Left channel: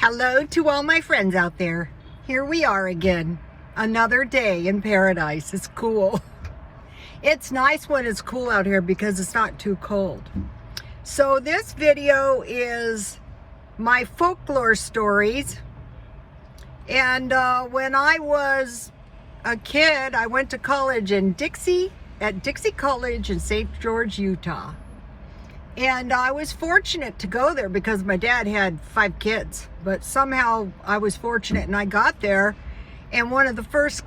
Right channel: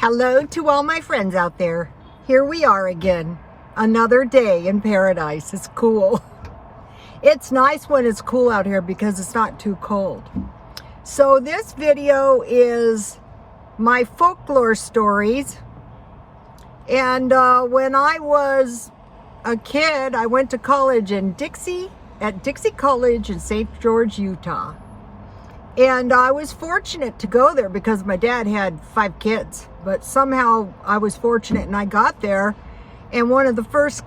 Hello to all my friends out there. Here we are again. Another day in paradise. It's cool. It's nice when it's cool out here because it's not too cold. So this video is my folklore stories. And when I was a kid, I went to college in Dixie College in St. George, Utah. And I was fortunate to go there because my dad had 5 kids. But somehow I was fortunate and I got there. And one of the first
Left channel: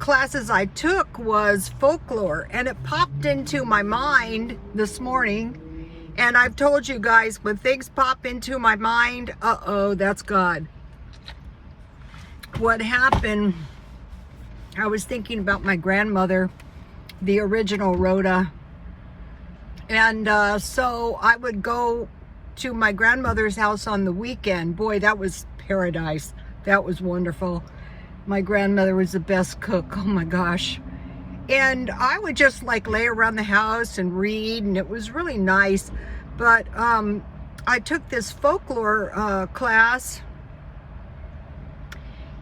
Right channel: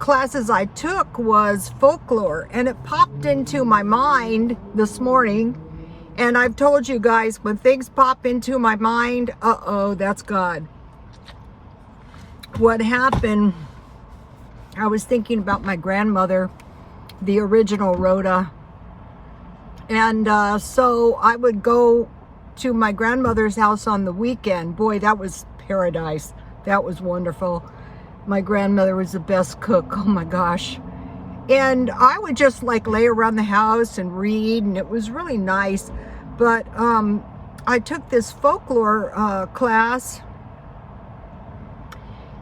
classes I took was folklore. And it popped into my mind this morning. And I've told you guys, when things pop into my mind, uh-oh, that's God. What happened, I was thinking about my grandmother, the original Rhoda. And so I would go to my grandmother's house on the weekend. Boy, that was paradise. That was wonderful. My grandmother was the best cook. Oh my gosh. And I would just like lay around the house and read, and it was really nice. But I took this folklore class,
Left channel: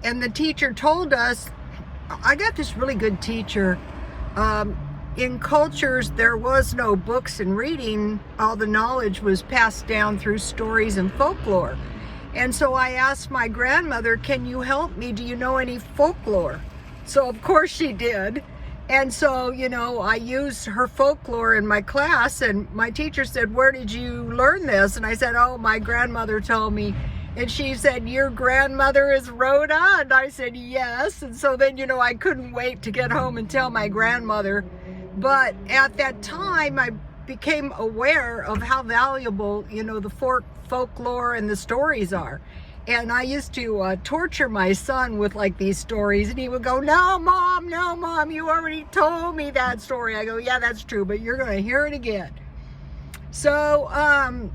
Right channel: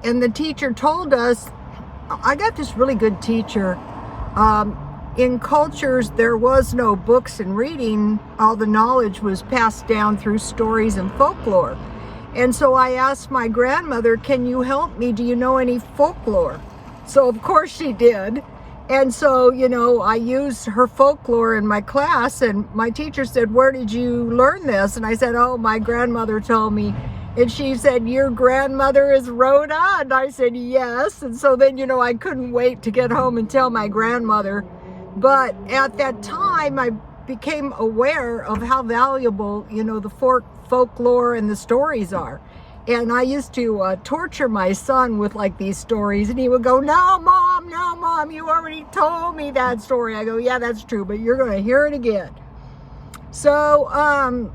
and the teacher told us, I got this really good teacher. In cultures, there was no books and reading. All the knowledge was passed down through stories and folklore. And so I asked my grandmother, can you help me? Do you know any folklore? So of course she did. And so, you know, I used her folklore in my class, and my teacher said, where did you learn this? And I said, oh, my grandmother told me. And she said, your grandmother is Rhoda? And I said, yes. And so then, you know, I couldn't wait to get home and tell my grandmother. But at that time, I became aware of how valuable, you know, the folklore and the stories are. And I used to torture my son with like these stories, and he would go, no, Mom, you already told me that story. I go, yeah, that's true, but you're going to hear it again. So I'm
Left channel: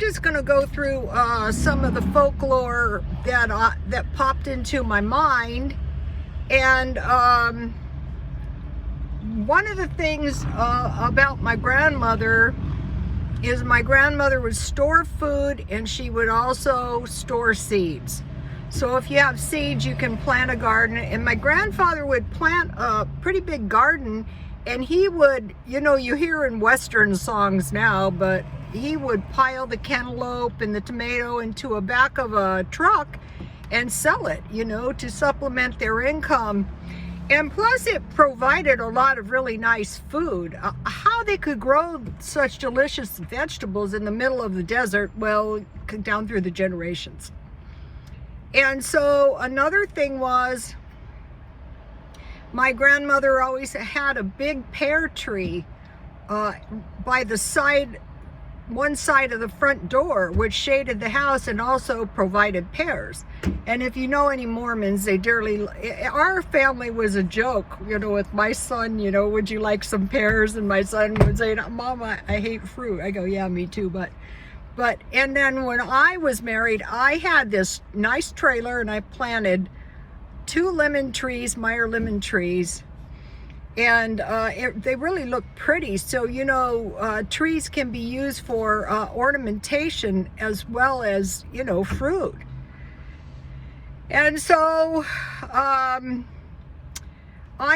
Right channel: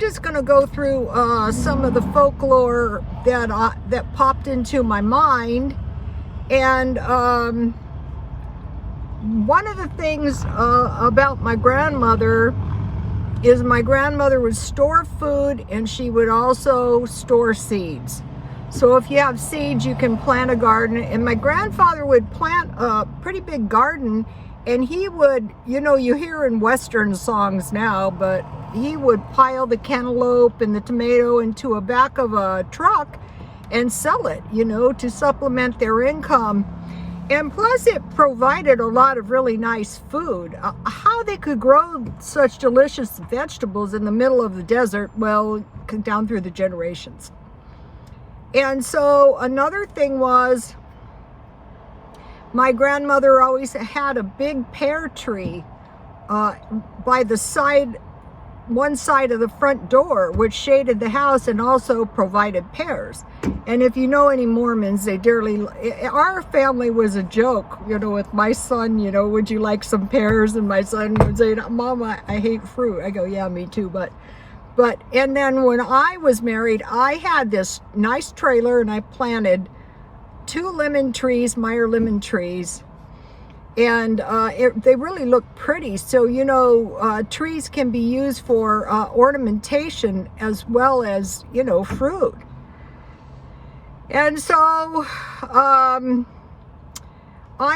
just going to go through some of the folklore that popped into my mind. And one of the things about my grandmother is my grandmother would store food, and she would also store seeds. So if you have seeds, you can plant a garden. And my grandfather would plant a pretty big garden, and he would, you know, you hear in Western songs now, but he would pile the cantaloupe and the tomato into a back of a truck and sell it, you know, to supplement their income. And plus it provided a lot of really nice food. How they could grow such delicious vegetables in the middle of the desert, well, down through the generations. And so another thing was, my grandmother always had a big pear tree by the side, one side of the front door, which shaded the house and also provided pears. And if you know any Mormons, they dearly, our family was a joke, you know, with my son, you know, would you like some pears? And my son would say, Mama, I hate fruit. I go, yeah, me too. But, and then when I was married, I had this nice trailer, and I planted 2 lemon trees, Meyer lemon trees. And they really look pretty. So, you know, trees can be used for ornamentation as well as, you know, fruit. And so I'm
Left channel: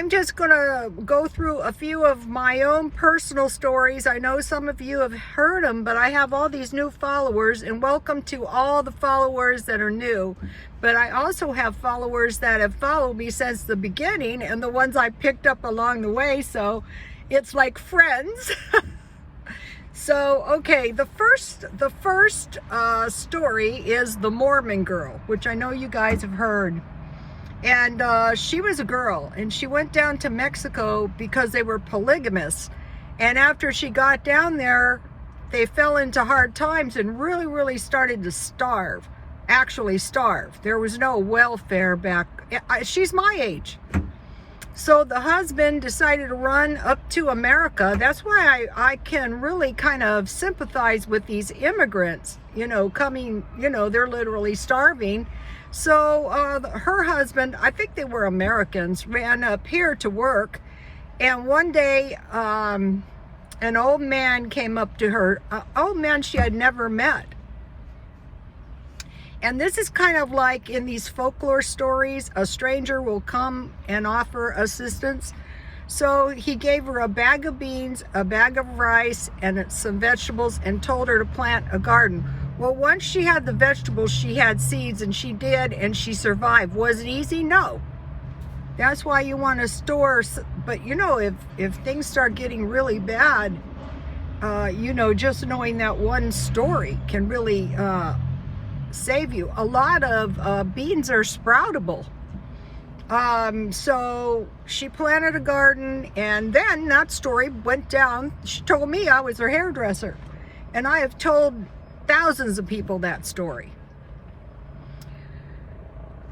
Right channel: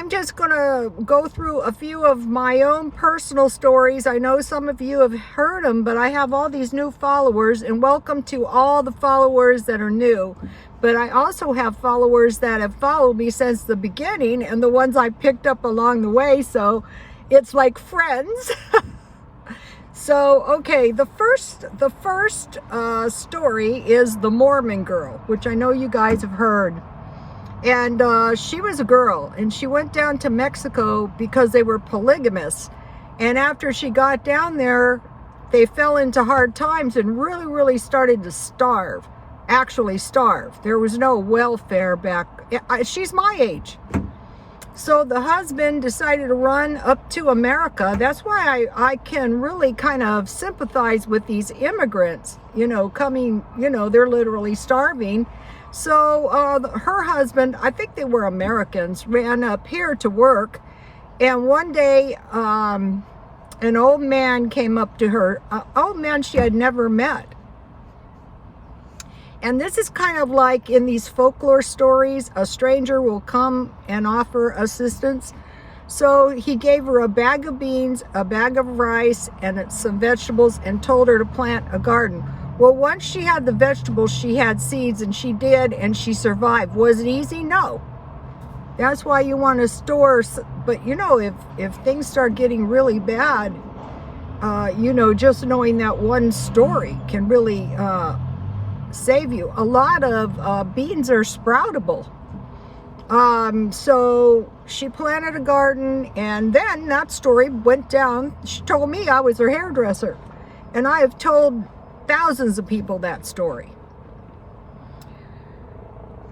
just going to go through a few of my own personal stories. I know some of you have heard them, but I have all these new followers, and welcome to all the followers that are new. But I also have followers that have followed me since the beginning, and the ones I picked up along the way. So it's like friends. So, okay, the first story is the Mormon Girl, which I know you guys have heard. And she was a girl, and she went down to Mexico because they were polygamous. And after she got down there, they fell into hard times and really, really started to starve. Actually starve. There was no welfare back. She's my age. So the husband decided to run up to America. That's why I can really kind of sympathize with these immigrants, you know, coming, you know, they're literally starving. So her husband, I think they were Americans, ran up here to work. And one day, an old man came up to her, an old man she had never met. And this is kind of like in these folklore stories, a stranger will come and offer assistance. So he gave her a bag of beans, a bag of rice, and some vegetables, and told her to plant a garden. Well, once she had the vegetables, she had seeds, and she did, and she survived. Was it easy? No. That's why you want to store. But you know, if things start getting really bad, you know, just knowing that one story can really save you. A lot of beans are sproutable. So she planted a garden, and then that story went down. She told me I was her hairdresser, and I have told thousands of people that story.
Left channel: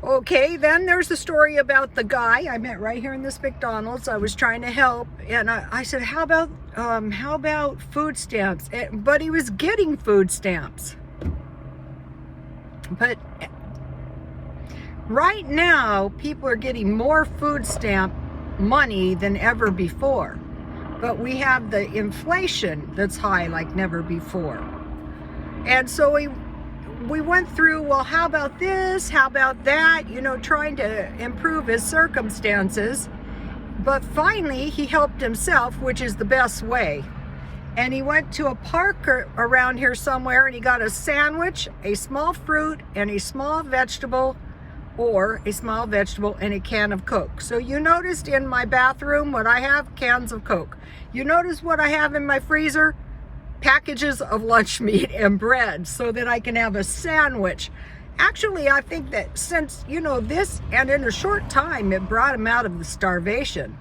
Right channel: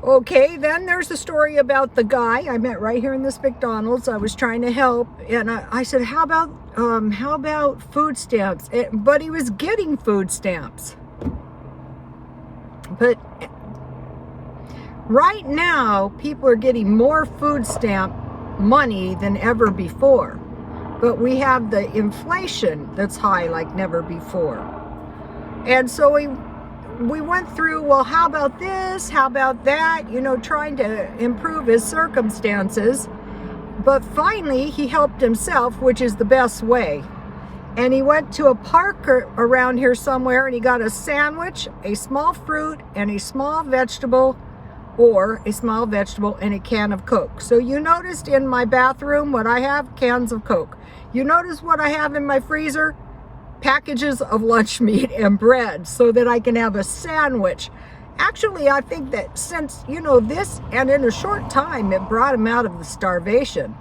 Okay, then there's the story about the guy I met right here in this McDonald's. I was trying to help, and I said, how about food stamps? But he was getting food stamps. But right now, people are getting more food stamp money than ever before. But we have the inflation that's high like never before. And so we went through, well, how about this? How about that? You know, trying to improve his circumstances. But finally, he helped himself, which is the best way. And he went to a park around here somewhere, and he got a sandwich, a small fruit, and a small vegetable, or a small vegetable and a can of Coke. So you noticed in my bathroom what I have? Cans of Coke. You notice what I have in my freezer? Packages of lunch meat and bread, so that I can have a sandwich. Actually, I think that since, you know, this, and in a short time, it brought him out of the starvation.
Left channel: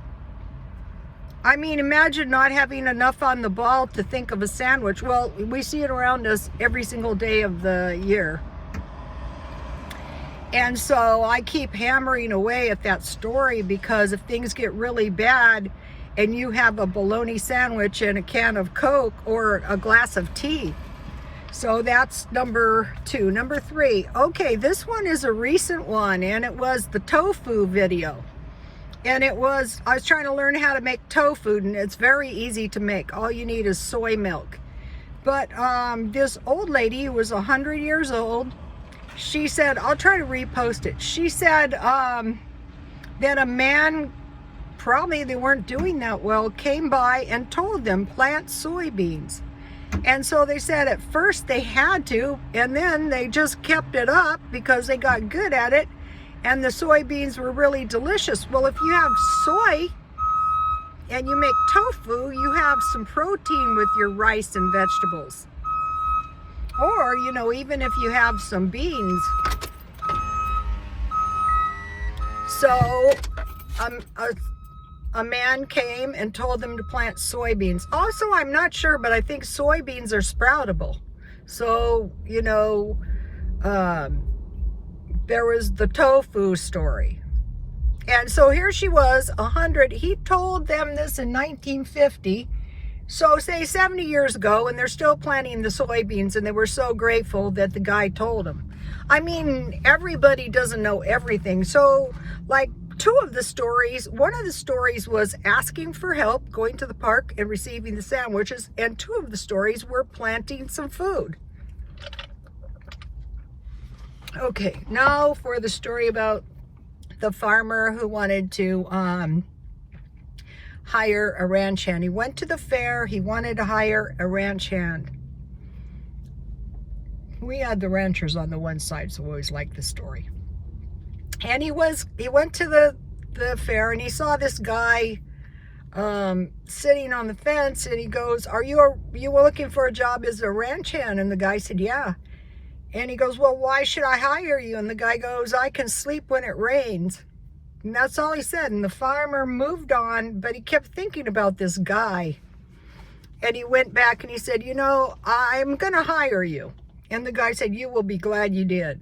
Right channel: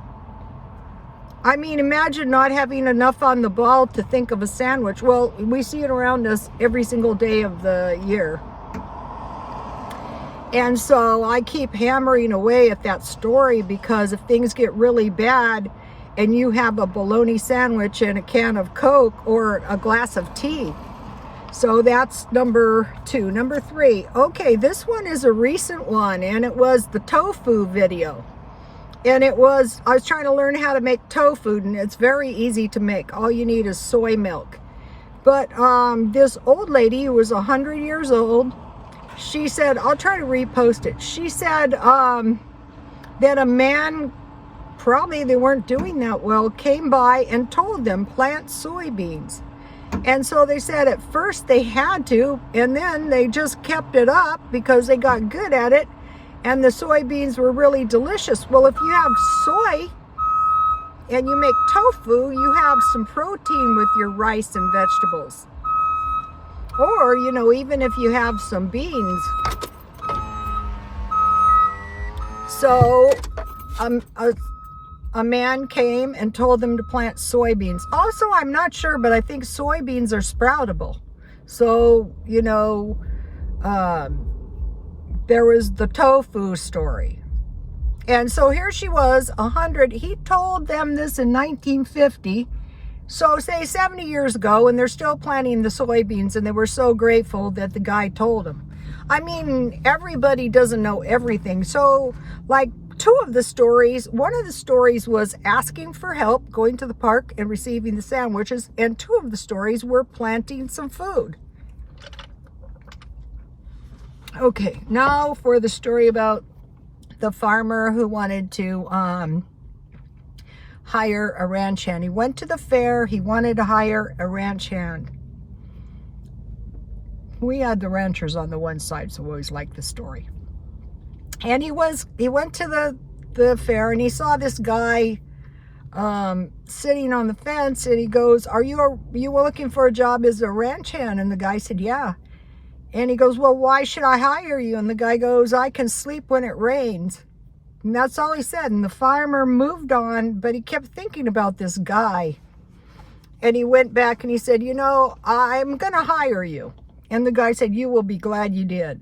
I mean, imagine not having enough on the ball to think of a sandwich. Well, we see it around us every single day of the year. And so I keep hammering away at that story, because if things get really bad and you have a bologna sandwich and a can of Coke or a glass of tea. So that's number 2. Number 3. Okay, this one is a recent one, and it was the tofu video. And I was trying to learn how to make tofu, and it's very easy to make. All you need is soy milk. But this old lady who was 100 years old, she said, I'll try to repost it. She said that a man, probably they weren't doing that well, came by and told them plant soybeans. And so they said at first they had to, and then they just kept it up because they got good at it. And the soybeans were really delicious. Well, if you have soy and you make tofu, you have some protein with your rice and vegetables. Or, you know, even if you have some beans. So, a man came and told them to plant soybeans. Also, I'm not sure, but I think soybeans are sproutable. So, you know, there was the tofu story. And so here she was, 100. He told them this in 1950. So say 70 years ago, and they're still planting the soybeans, and they were so grateful that the guy told them. I mean, everybody doesn't know everything. So like 2 of the stories, one of the stories was asking for help, going to the park and receiving the sandwiches. And 2 of the stories were planting some food. Okay, now for the story about the farmer who wanted to hire a ranch hand. He went to the fair. He wanted to hire a ranch hand. We had the ranchers on the one side, so we always liked the story. And he went to the fair, and he saw this guy sitting on the fence, and he goes, "Are you looking for a job as a ranch hand?" And the guy said, "Yeah." And he goes, "Well, why should I hire you?" And the guy goes, "I can sleep when it rains." And that's all he said. And the farmer moved on, but he kept thinking about this guy. And he went back and he said, "You know, I'm going to hire you." And the guy said, "You will be glad you did."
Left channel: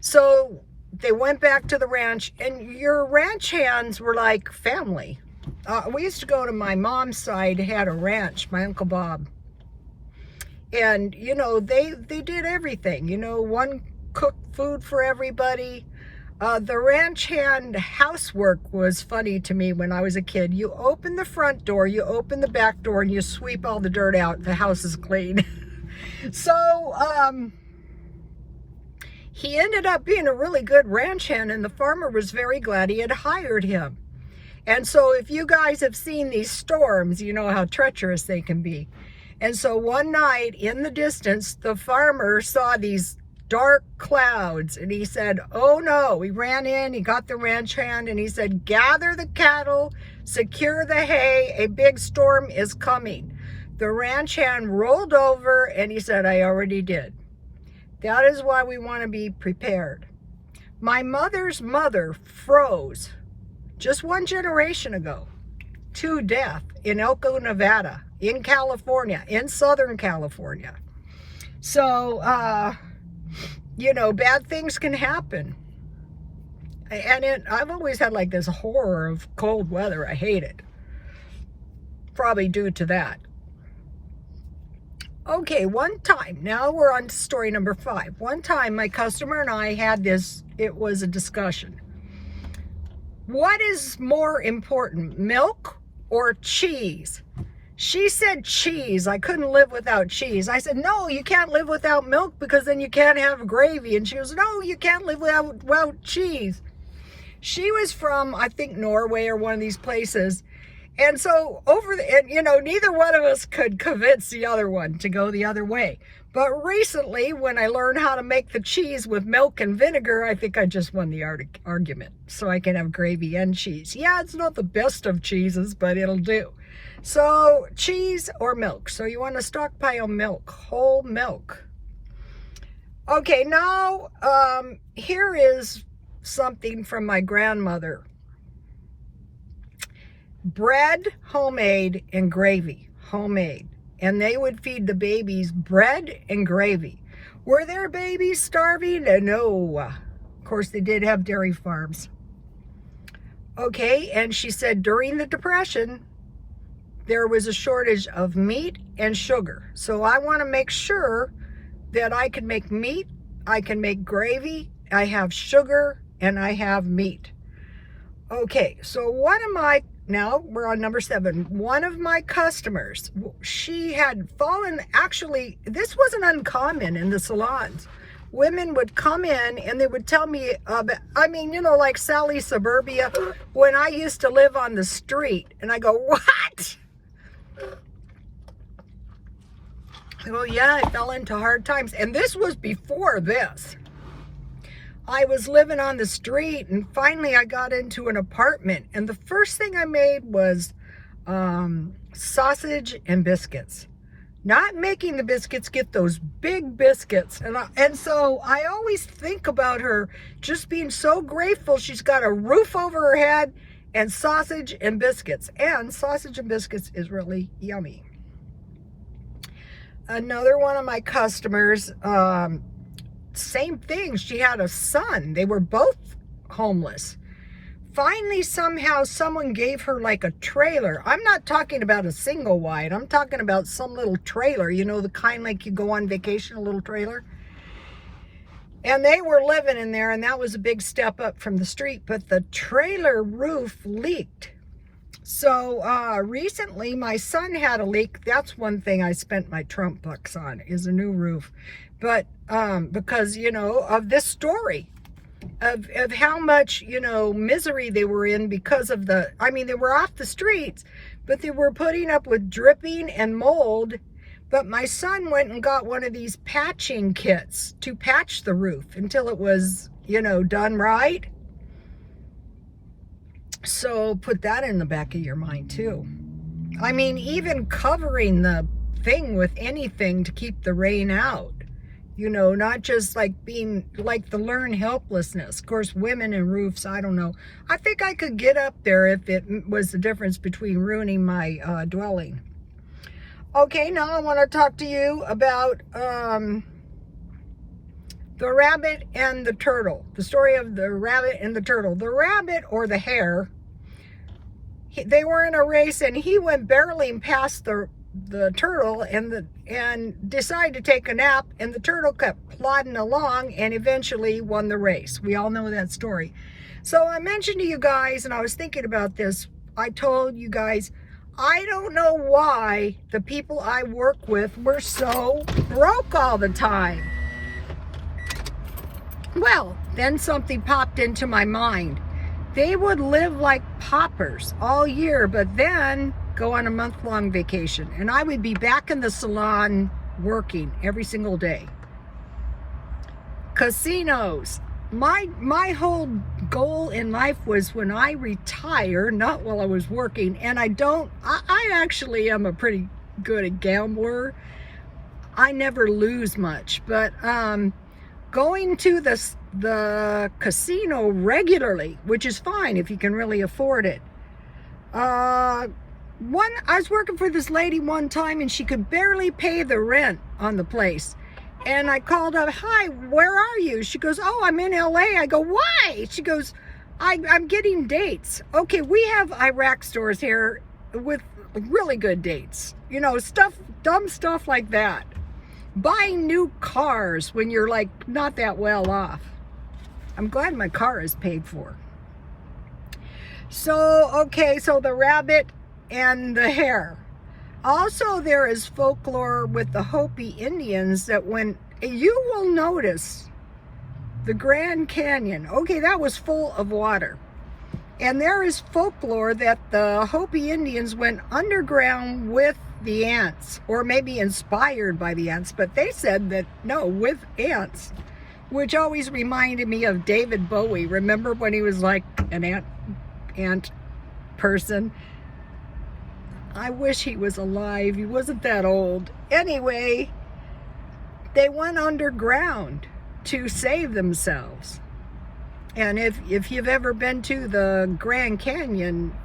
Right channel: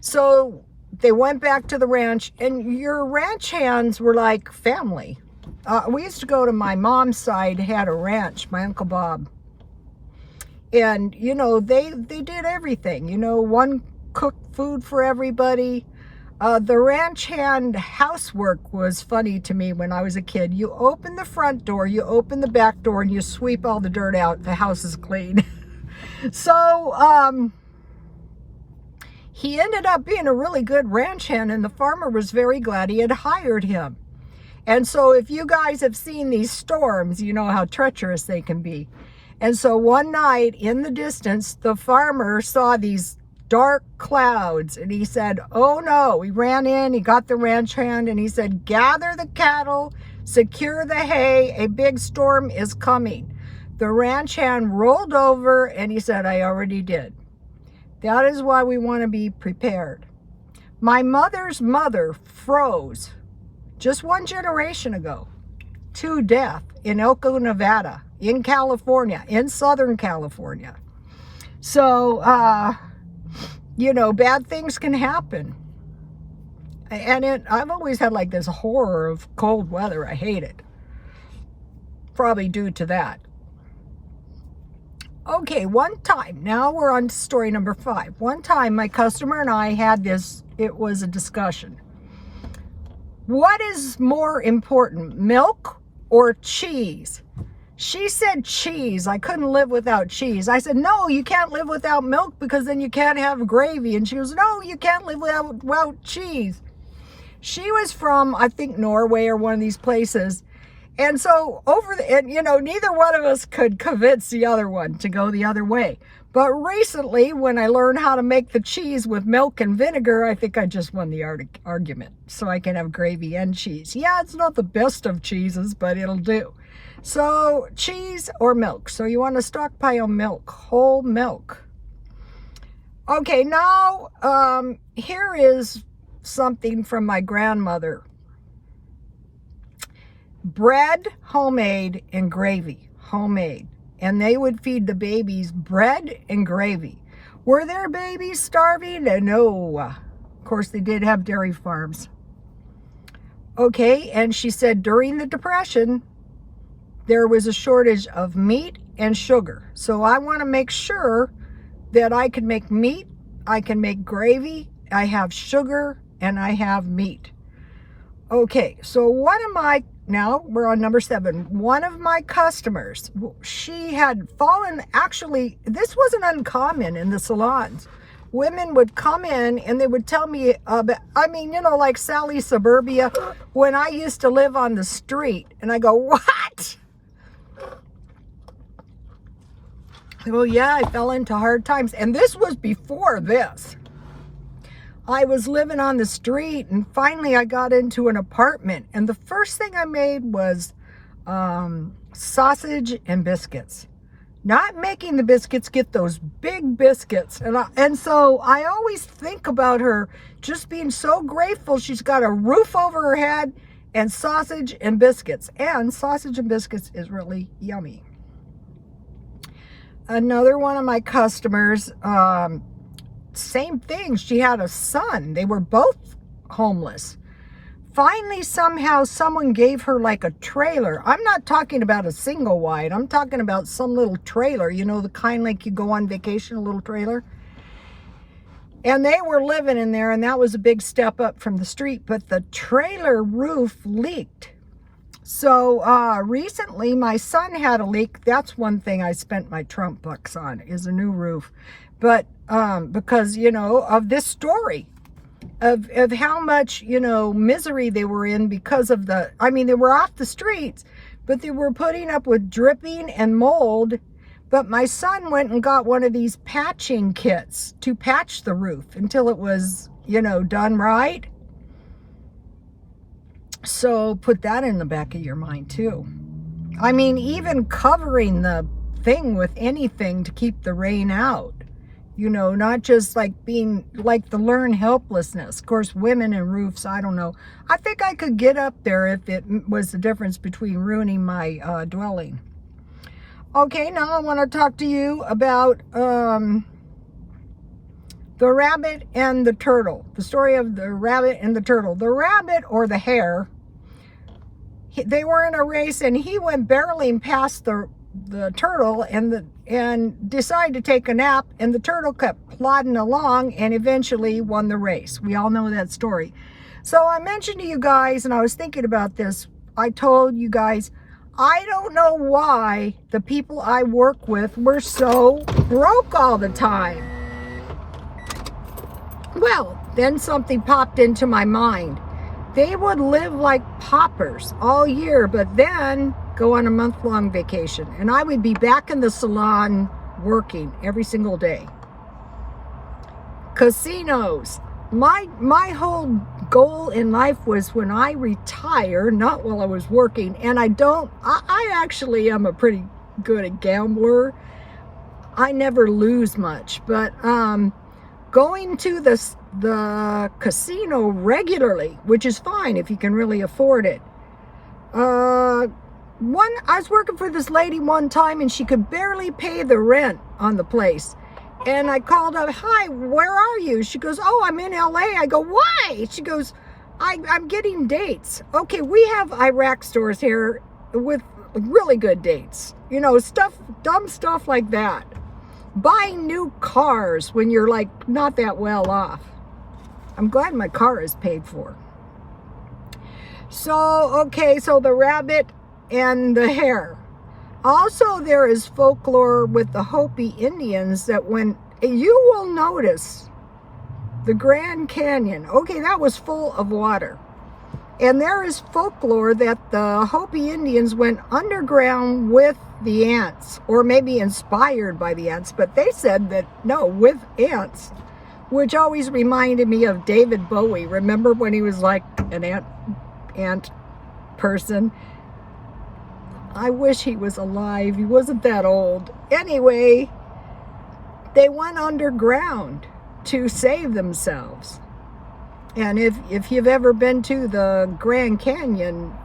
So they went back to the ranch, and your ranch hands were like family. We used to go to my mom's side, had a ranch, my Uncle Bob. And, you know, they did everything. You know, one cooked food for everybody. The ranch hand housework was funny to me when I was a kid. You open the front door, you open the back door, and you sweep all the dirt out. The house is clean. So, he ended up being a really good ranch hand, and the farmer was very glad he had hired him. And so if you guys have seen these storms, you know how treacherous they can be. And so one night in the distance, the farmer saw these dark clouds, and he said, oh no. He ran in, he got the ranch hand, and he said, gather the cattle, secure the hay, a big storm is coming. The ranch hand rolled over, and he said, I already did. That is why we want to be prepared. My mother's mother froze just one generation ago to death in Elko, Nevada, in California, in Southern California. So, you know, bad things can happen. And I've always had like this horror of cold weather. I hate it. Probably due to that. Okay, one time, now we're on to story number 5. One time my customer and I had this, it was a discussion. What is more important, milk or cheese? She said cheese. I couldn't live without cheese. I said, no, you can't live without milk because then you can't have gravy. And she goes, no, you can't live without cheese. She was from, I think, Norway or one of these places. And so you know, neither one of us could convince the other one to go the other way. But recently, when I learned how to make the cheese with milk and vinegar, I think I just won the argument. So I can have gravy and cheese. Yeah, it's not the best of cheeses, but it'll do. So cheese or milk. So you want to stockpile milk, whole milk. Okay, now here is something from my grandmother. Bread, homemade, and gravy, homemade. And they would feed the babies bread and gravy. Were their babies starving? No. Of course, they did have dairy farms. Okay, and she said during the Depression, there was a shortage of meat and sugar. So I want to make sure that I can make meat, I can make gravy, I have sugar, and I have meat. Okay, so now we're on number 7. One of my customers, she had fallen, actually, this wasn't uncommon in the salons. Women would come in and they would tell me, I mean, you know, like Sally Suburbia, when I used to live on the street. And I go, what? I go, yeah, I fell into hard times. And this was before this. I was living on the street, and finally I got into an apartment, and the first thing I made was sausage and biscuits. Not making the biscuits, get those big biscuits. And so I always think about her just being so grateful she's got a roof over her head and sausage and biscuits. And sausage and biscuits is really yummy. Another one of my customers, same thing. She had a son. They were both homeless. Finally, somehow, someone gave her like a trailer. I'm not talking about a single wide. I'm talking about some little trailer. You know, the kind like you go on vacation, a little trailer. And they were living in there, and that was a big step up from the street. But the trailer roof leaked. So recently, my son had a leak. That's one thing I spent my Trump bucks on, is a new roof. But because, you know, of this story of how much, you know, misery they were in because of I mean, they were off the streets, but they were putting up with dripping and mold. But my son went and got one of these patching kits to patch the roof until it was, you know, done right. So put that in the back of your mind too. I mean, even covering the thing with anything to keep the rain out. You know, not just like being like the learned helplessness. Of course, women and roofs, I don't know. I think I could get up there if it was the difference between ruining my dwelling. Okay, now I want to talk to you about the rabbit and the turtle. The story of the rabbit and the turtle. The rabbit, or the hare, they were in a race, and he went barreling past the turtle and decided to take a nap, and the turtle kept plodding along and eventually won the race. We all know that story. So I mentioned to you guys, and I was thinking about this, I told you guys, I don't know why the people I work with were so broke all the time. Well, then something popped into my mind. They would live like paupers all year, but then go on a month-long vacation. And I would be back in the salon working every single day. Casinos. My whole goal in life was when I retire, not while I was working. And I actually am a pretty good gambler. I never lose much, but going to the casino regularly, which is fine if you can really afford it. I was working for this lady one time and she could barely pay the rent on the place. And I called up, "Hi, where are you?" She goes, "Oh, I'm in LA." I go, "Why?" She goes, I'm getting dates. Okay, we have Iraq stores here with really good dates. You know, dumb stuff like that. Buying new cars when you're like not that well off. I'm glad my car is paid for. So, okay, so the rabbit and the hare. Also, there is folklore with the Hopi Indians that when you will notice the Grand Canyon, okay, that was full of water. And there is folklore that the Hopi Indians went underground with the ants, or maybe inspired by the ants, but they said that, no, with ants, which always reminded me of David Bowie. Remember when he was like an ant person? I wish he was alive. He wasn't that old. Anyway, they went underground to save themselves. And if you've ever been to the Grand Canyon,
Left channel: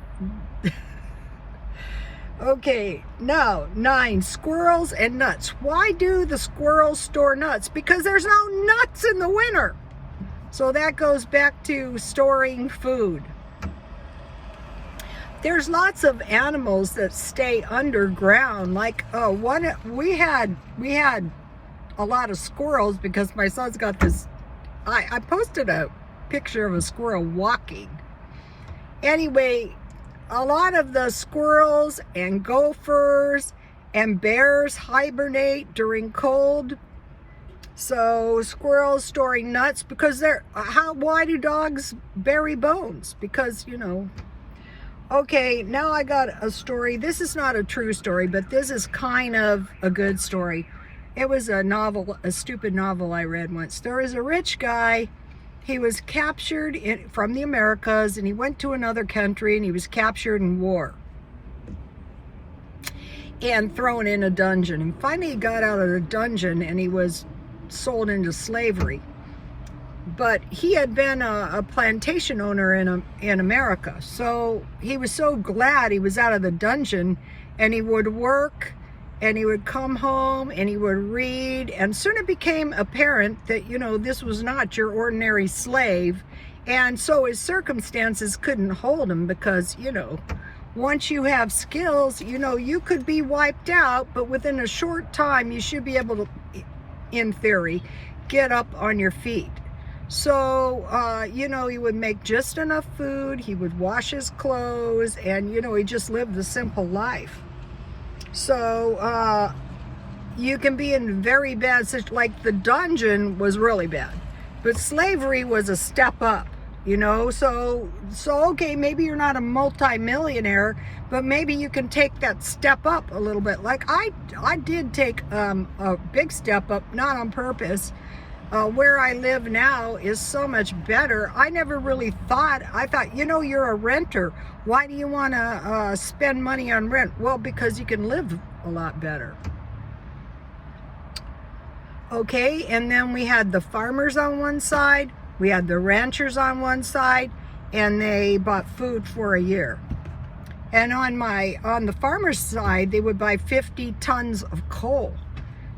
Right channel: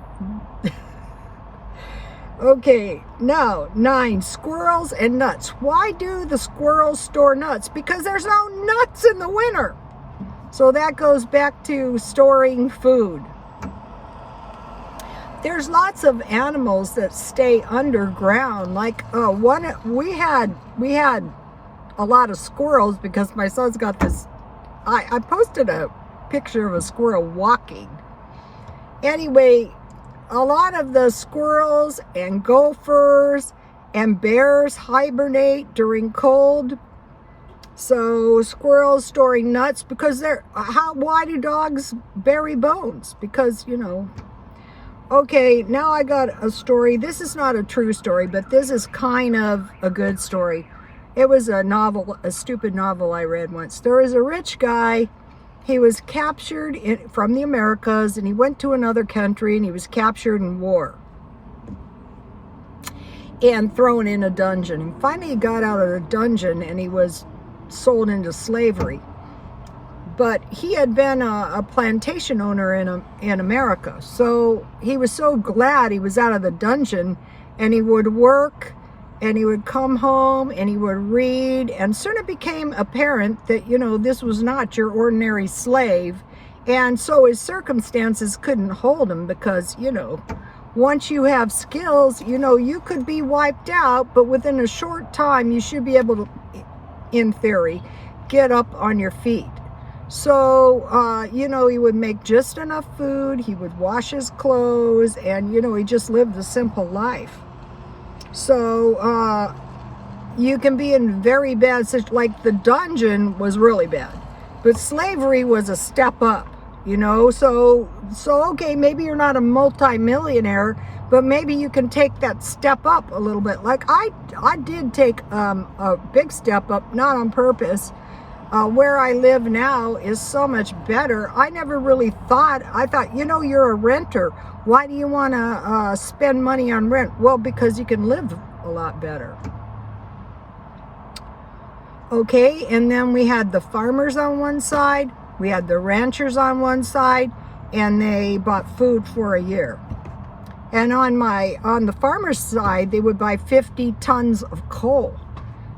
okay, now 9, squirrels and nuts. Why do the squirrels store nuts? Because there's no nuts in the winter. So that goes back to storing food. There's lots of animals that stay underground. Like we had a lot of squirrels because my son's got this. I posted a picture of a squirrel walking. Anyway, a lot of the squirrels and gophers and bears hibernate during cold. So squirrels storing nuts because why do dogs bury bones? Because, you know. Okay, now I got a story. This is not a true story, but this is kind of a good story. It was a novel, a stupid novel I read once. There was a rich guy. He was captured from the Americas, and he went to another country, and he was captured in war and thrown in a dungeon. And finally he got out of the dungeon, and he was sold into slavery. But he had been a plantation owner in America. So he was so glad he was out of the dungeon, and he would work, and he would come home, and he would read. And soon it became apparent that, you know, this was not your ordinary slave. And so his circumstances couldn't hold him because, you know, once you have skills, you know, you could be wiped out, but within a short time, you should be able to, in theory, get up on your feet. So, you know, he would make just enough food, he would wash his clothes, and, you know, he just lived a simple life. So, you can be in very bad situations, like the dungeon was really bad, but slavery was a step up, you know, so okay, maybe you're not a multi-millionaire, but maybe you can take that step up a little bit. Like I did take a big step up, not on purpose. Where I live now is so much better. I never really thought, I thought, you know, you're a renter. Why do you want to spend money on rent? Well, because you can live a lot better. Okay, and then we had the farmers on one side, we had the ranchers on one side, and they bought food for a year. And on the farmer's side, they would buy 50 tons of coal.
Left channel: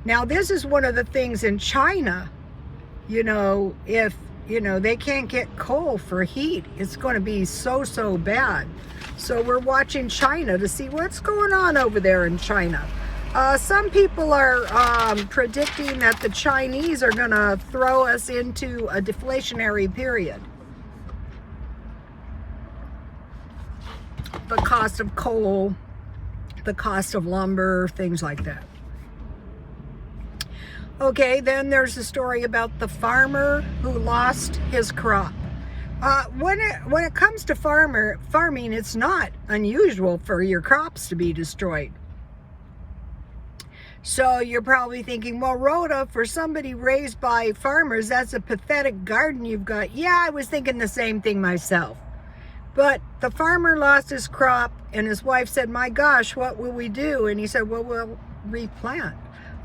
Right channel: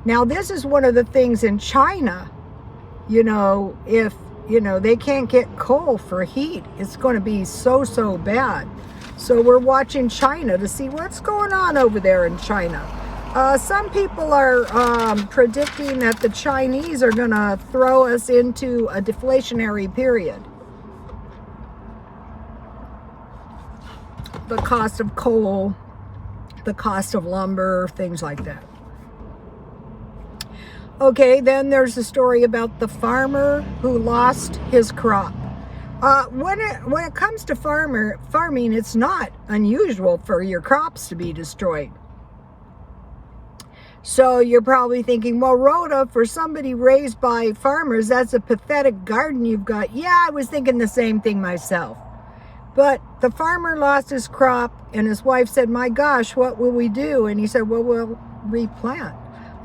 Now, this is one of the things in China. You know, if, you know, they can't get coal for heat, it's going to be so bad. So we're watching China to see what's going on over there in China. Some people are predicting that the Chinese are going to throw us into a deflationary period. The cost of coal, the cost of lumber, things like that. Okay, then there's a story about the farmer who lost his crop. When it comes to farming, it's not unusual for your crops to be destroyed. So you're probably thinking, well, Rhoda, for somebody raised by farmers, that's a pathetic garden you've got. Yeah, I was thinking the same thing myself. But the farmer lost his crop, and his wife said, my gosh, what will we do? And he said, well, we'll replant.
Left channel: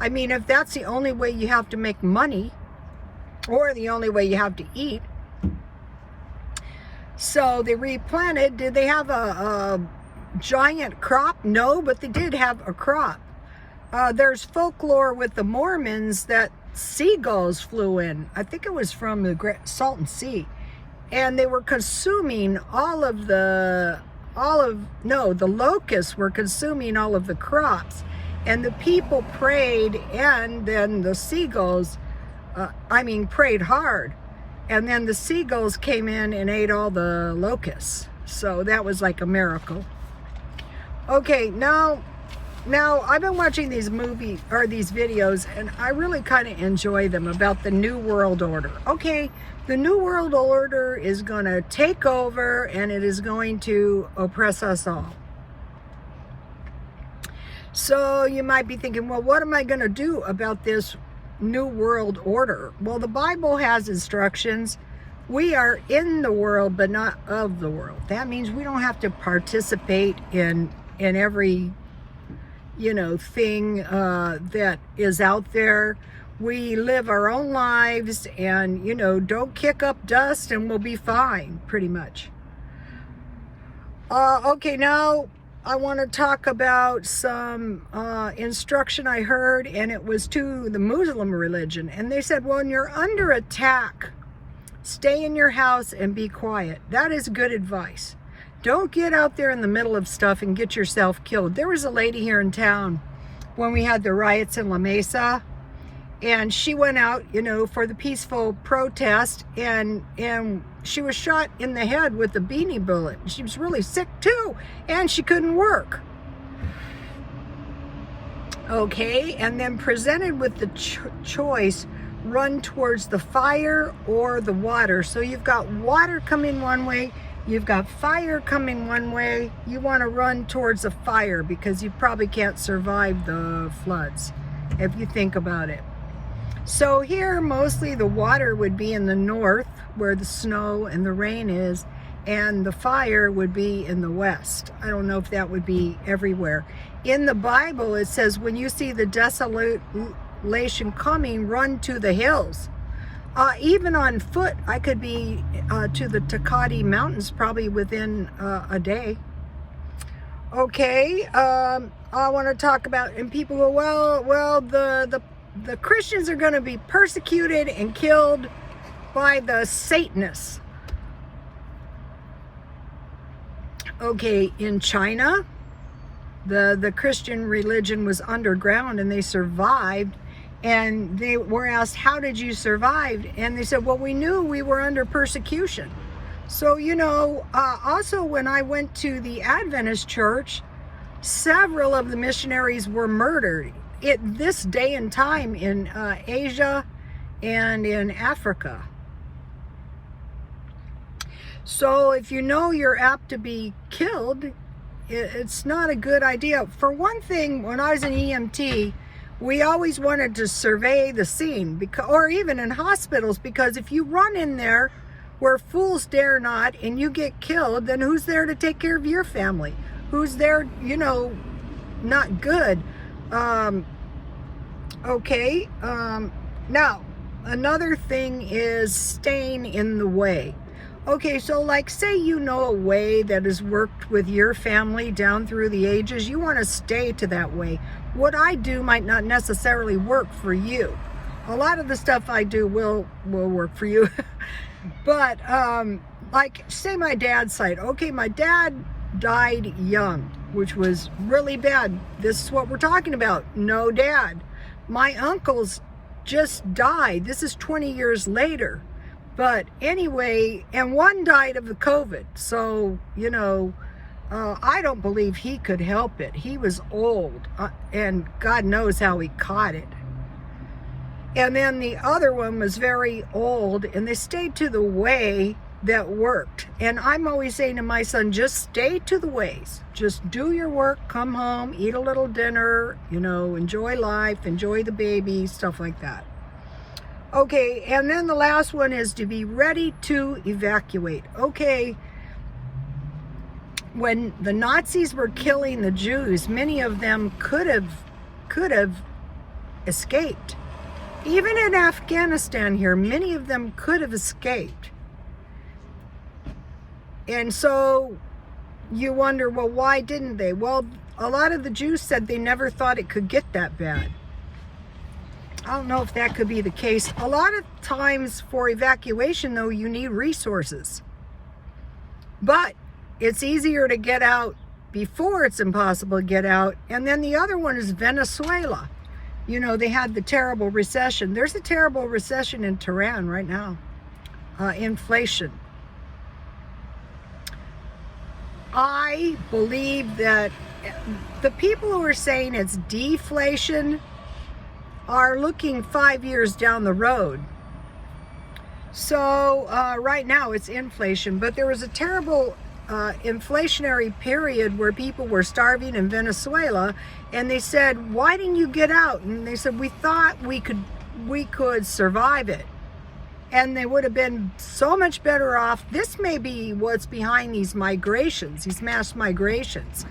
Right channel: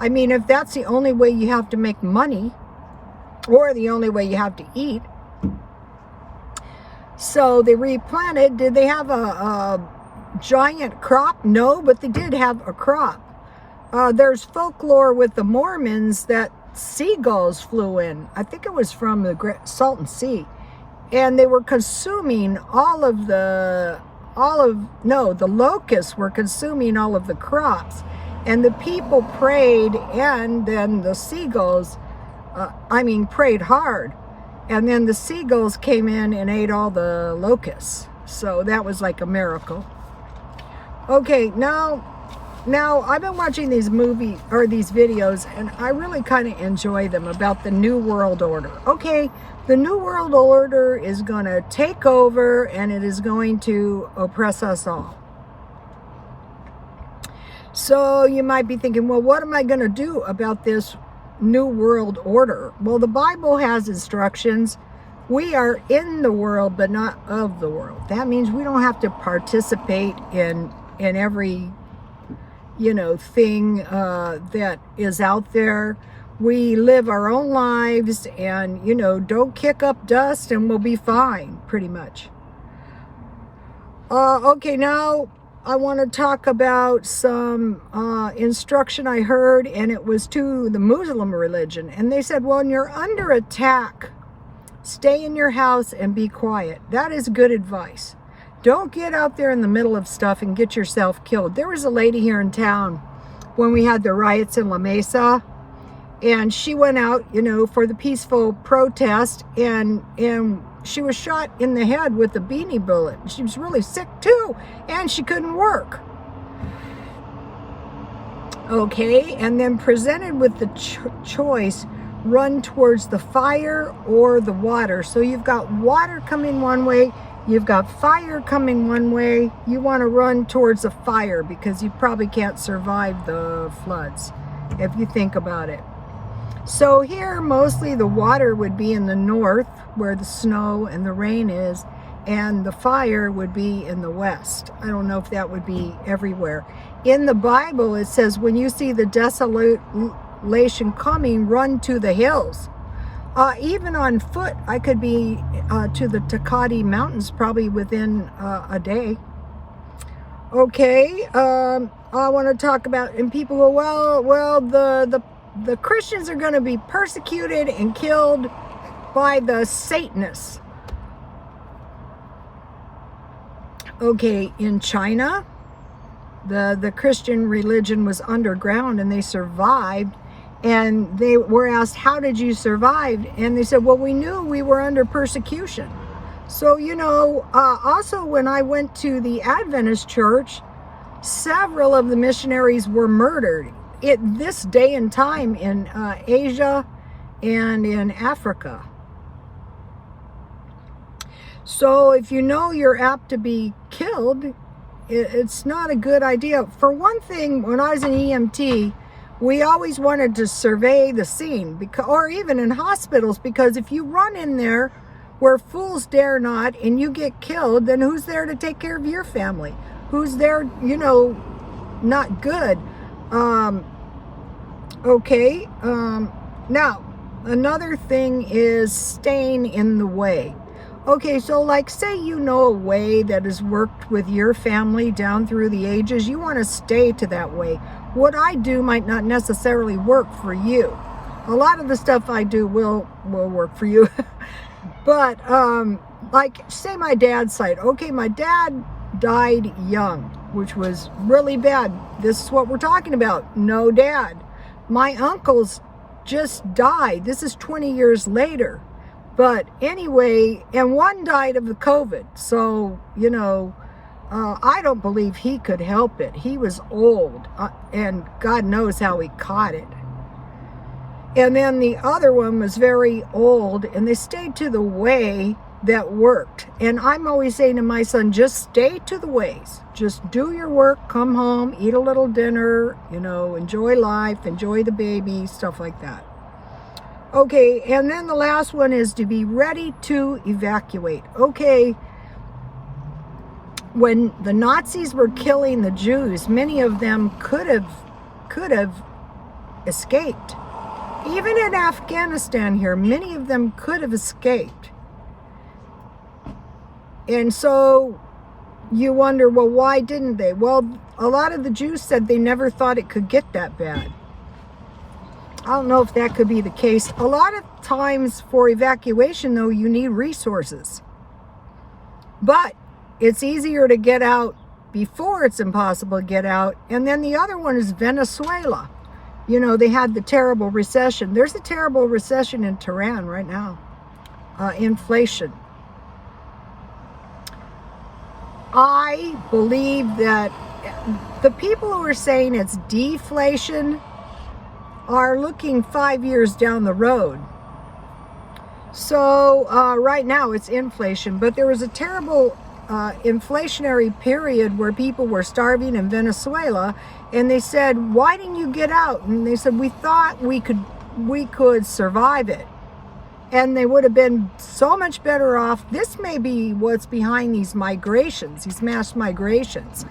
I mean, if that's the only way you have to make money, or the only way you have to eat. So they replanted. Did they have a giant crop? No, but they did have a crop. There's folklore with the Mormons that seagulls flew in. I think it was from the Salton Sea. And they were consuming the locusts were consuming all of the crops. And the people prayed, and then the seagulls, prayed hard. And then the seagulls came in and ate all the locusts. So that was like a miracle. Okay, now I've been watching these videos, and I really kind of enjoy them about the New World Order. Okay, the New World Order is going to take over, and it is going to oppress us all. So you might be thinking, well, what am I going to do about this New World Order? Well, the Bible has instructions. We are in the world, but not of the world. That means we don't have to participate in every, thing that is out there. We live our own lives, and, don't kick up dust and we'll be fine, pretty much. Okay, now I want to talk about some instruction I heard, and it was to the Muslim religion. And they said, well, when you're under attack, stay in your house and be quiet. That is good advice. Don't get out there in the middle of stuff and get yourself killed. There was a lady here in town when we had the riots in La Mesa, and she went out, for the peaceful protest, and she was shot in the head with a beanie bullet. She was really sick too, and she couldn't work. Okay, and then presented with the choice, run towards the fire or the water. So you've got water coming one way, you've got fire coming one way. You want to run towards the fire because you probably can't survive the floods, if you think about it. So here, mostly the water would be in the north, where the snow and the rain is, and the fire would be in the west. I don't know if that would be everywhere. In the Bible, it says, when you see the desolation coming, run to the hills. Even on foot, I could be to the Takati Mountains probably within a day. Okay, I want to talk about, and people go, well, the Christians are going to be persecuted and killed by the Satanists. Okay, in China, the Christian religion was underground, and they survived. And they were asked, how did you survive? And they said, well, we knew we were under persecution. So, also when I went to the Adventist church, several of the missionaries were murdered at this day and time in Asia and in Africa. So if you're apt to be killed, it's not a good idea. For one thing, when I was an EMT, we always wanted to survey the scene, or even in hospitals, because if you run in there where fools dare not and you get killed, then who's there to take care of your family? Who's there, not good? Okay. Now, another thing is staying in the way. Okay, so like say a way that has worked with your family down through the ages, you want to stay to that way. What I do might not necessarily work for you. A lot of the stuff I do will work for you. But like say my dad's side. Okay, my dad died young, which was really bad. This is what we're talking about. No dad. My uncles just died. This is 20 years later. But anyway, and one died of the COVID. So, I don't believe he could help it. He was old, and God knows how he caught it. And then the other one was very old, and they stayed to the way that worked. And I'm always saying to my son, just stay to the ways. Just do your work, come home, eat a little dinner, you know, enjoy life, enjoy the baby, stuff like that. Okay, and then the last one is to be ready to evacuate. Okay, when the Nazis were killing the Jews, many of them could have escaped. Even in Afghanistan here, many of them could have escaped. And so you wonder, well, why didn't they? Well, a lot of the Jews said they never thought it could get that bad. I don't know if that could be the case. A lot of times for evacuation, though, you need resources. But it's easier to get out before it's impossible to get out. And then the other one is Venezuela. You know, they had the terrible recession. There's a terrible recession in Tehran right now. Inflation. I believe that the people who are saying it's deflation are looking 5 years down the road. So right now it's inflation, but there was a terrible inflationary period where people were starving in Venezuela, and they said, why didn't you get out? And they said, we thought we could survive it, and they would have been so much better off. This may be what's behind these migrations, these mass migrations.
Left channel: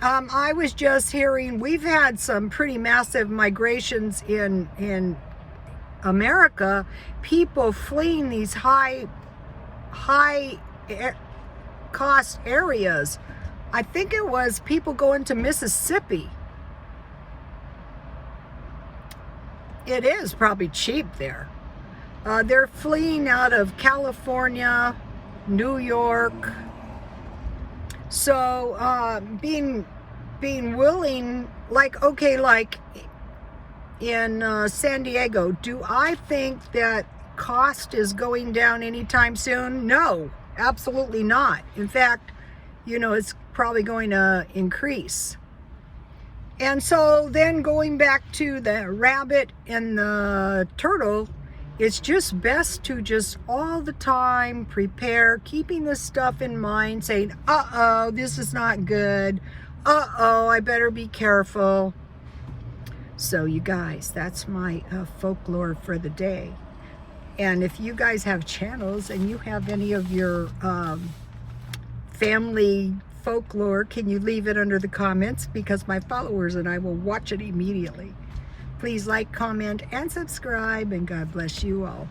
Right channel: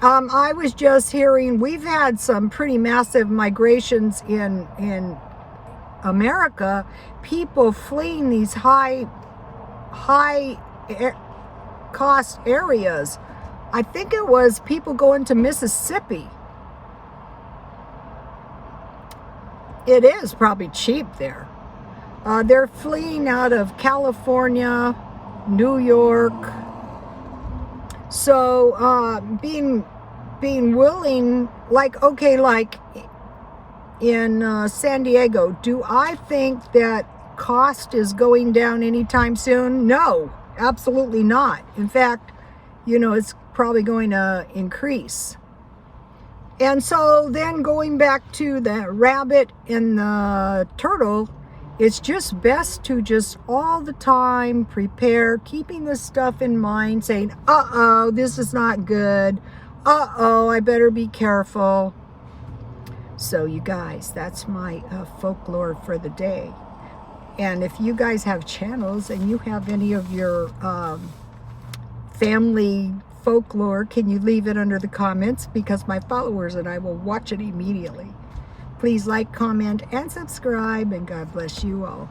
I was just hearing we've had some pretty massive migrations in America, people fleeing these high cost areas. I think it was people going to Mississippi. It is probably cheap there. They're fleeing out of California, New York. So being willing, like, okay, like in San Diego, do I think that cost is going down anytime soon? No, absolutely not. In fact, you know, it's probably going to increase. And so then going back to the rabbit and the turtle, it's just best to just all the time prepare, keeping this stuff in mind, saying, uh-oh, this is not good. Uh-oh, I better be careful. So you guys, that's my folklore for the day. And if you guys have channels and you have any of your family folklore, can you leave it under the comments? Because my followers and I will watch it immediately. Please like, comment, and subscribe, and God bless you all.